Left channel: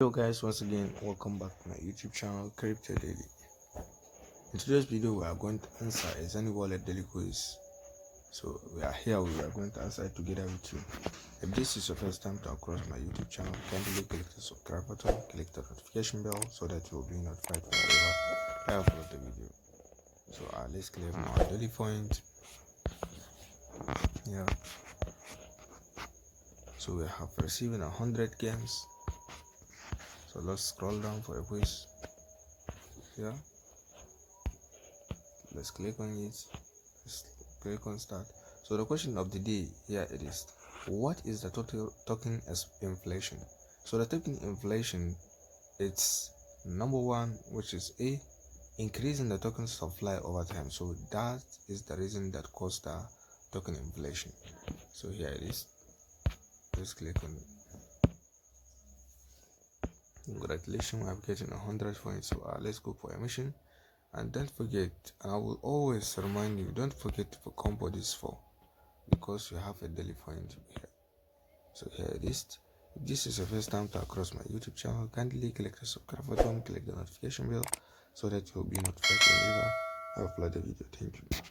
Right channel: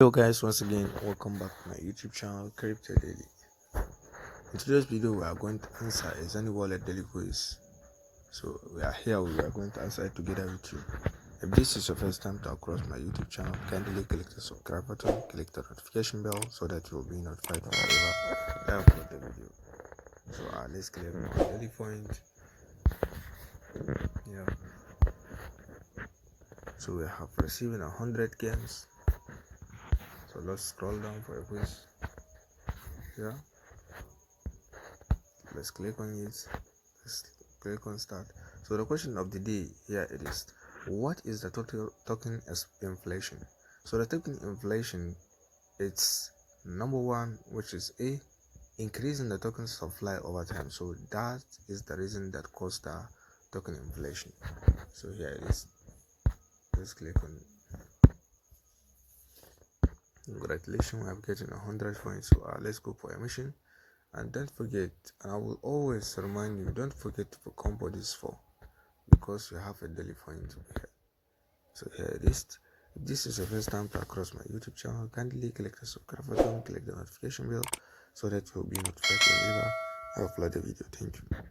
Hello guys, once again welcome back to my YouTube channel Crypto Daily. In today's video we are going to answer a Xenea wallet daily quiz. So we are going to answer it together with you. If this is your first time to across my YouTube channel, kindly click the subscribe button, click the notification bell so that you will be notified whenever I upload the video. So let's claim our daily point. So we have received 100 games. So let's scroll down for a quiz. Let's click on it. Let's click on start. So the question of the day here it is: what is the total token as inflation? So the token inflation, it's number one, which is A, increasing the token supply over time. So that is the reason that caused the token inflation. So here it is. Let's click on it. Congratulations, I'm getting 100 points. So let's go for a mission. And don't forget, I will always remind you, don't forget to combo this for, because you have a daily point here. So here it is. If this is your first time to across my YouTube channel, kindly click the subscribe button, click the notification bell so that you'll be notified whenever I upload a video. Thank you.